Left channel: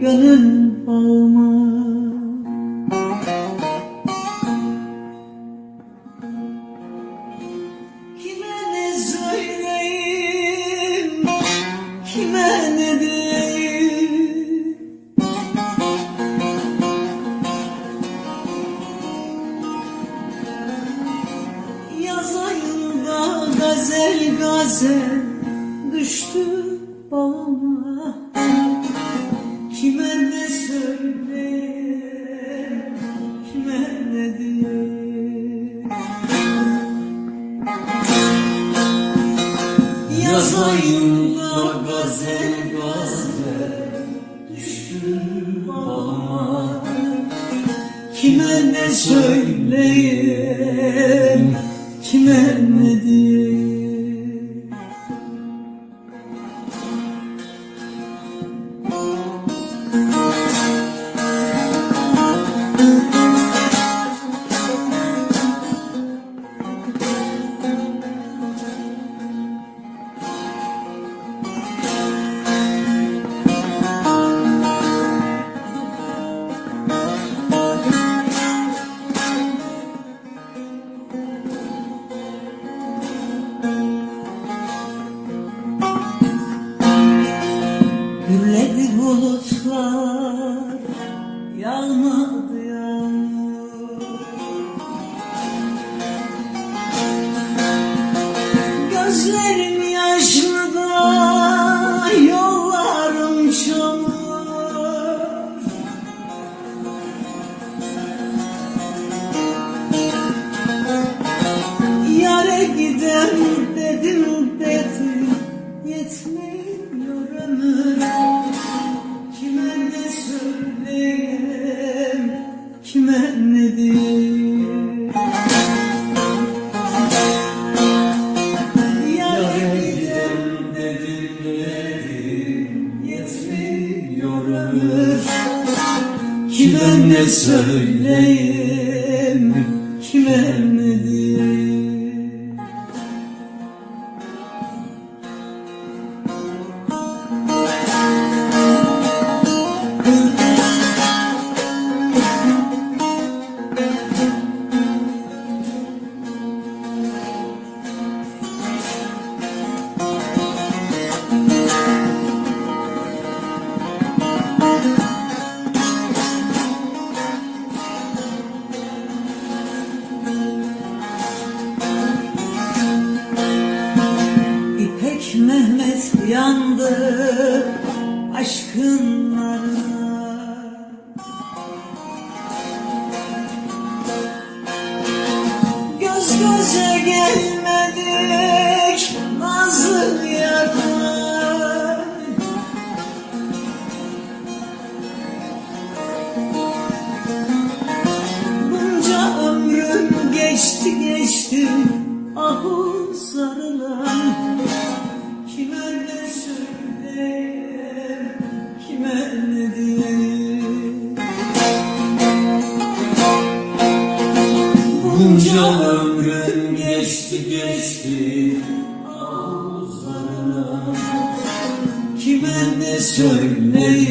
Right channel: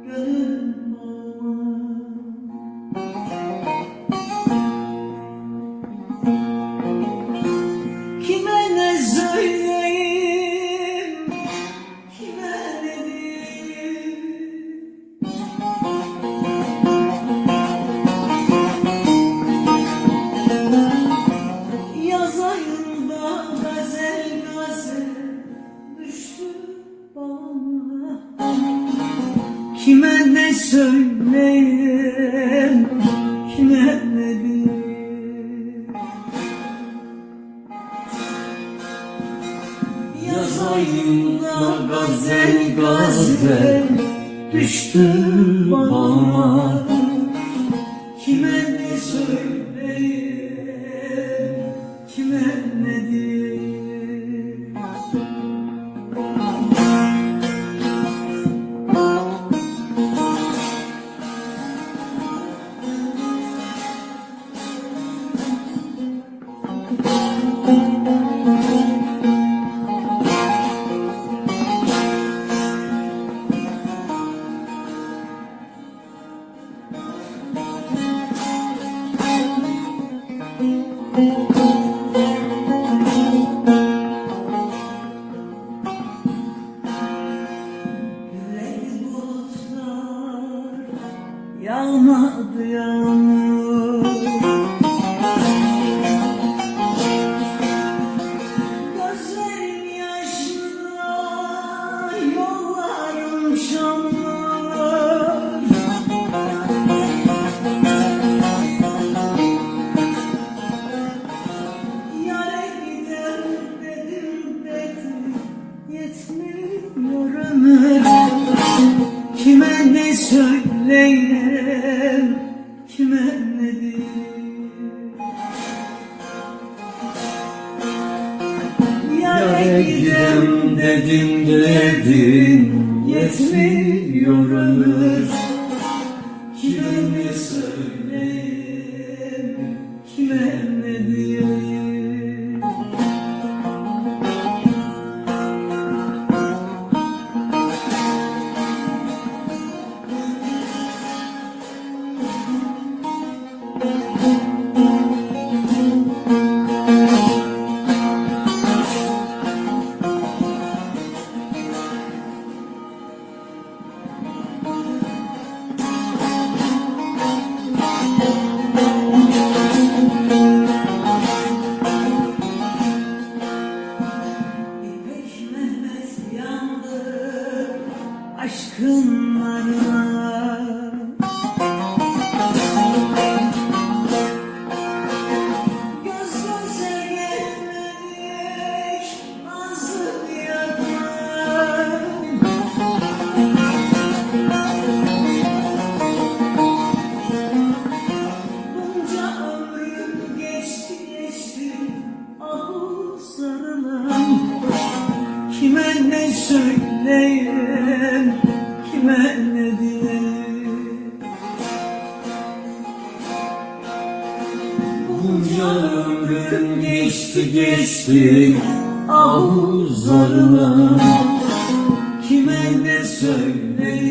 gönül bağıma. Kime ne söyleyeyim, kime ne diyeyim? Yaz ayında gazel gazel düştü bağıma. Kime ne söyleyeyim, kime ne diyeyim? Yaz ayında gazel gazel düştü bağıma. Kime ne söyleyeyim, kime ne diyeyim? Gürledi bulutlar, yağmadı yağmur. Gözlerim yaşlı da yollarım çamur. Yâre gider dedim yetmiyor ömür. Kime ne söyleyeyim, kime ne diyeyim? Yâre giderim dedim yetmiyor ömür. Kime ne söyleyeyim, kime ne diyeyim? Mehmet yandı aşkın narına. Göz göze gelmedik nazlı yarına. Bunca ömrüm geçti ahu sarılan. Kime ne söyleyeyim, kime ne diyeyim? Bunca ömrüm geçti ahuzlarına. Kime ne söyleyeyim?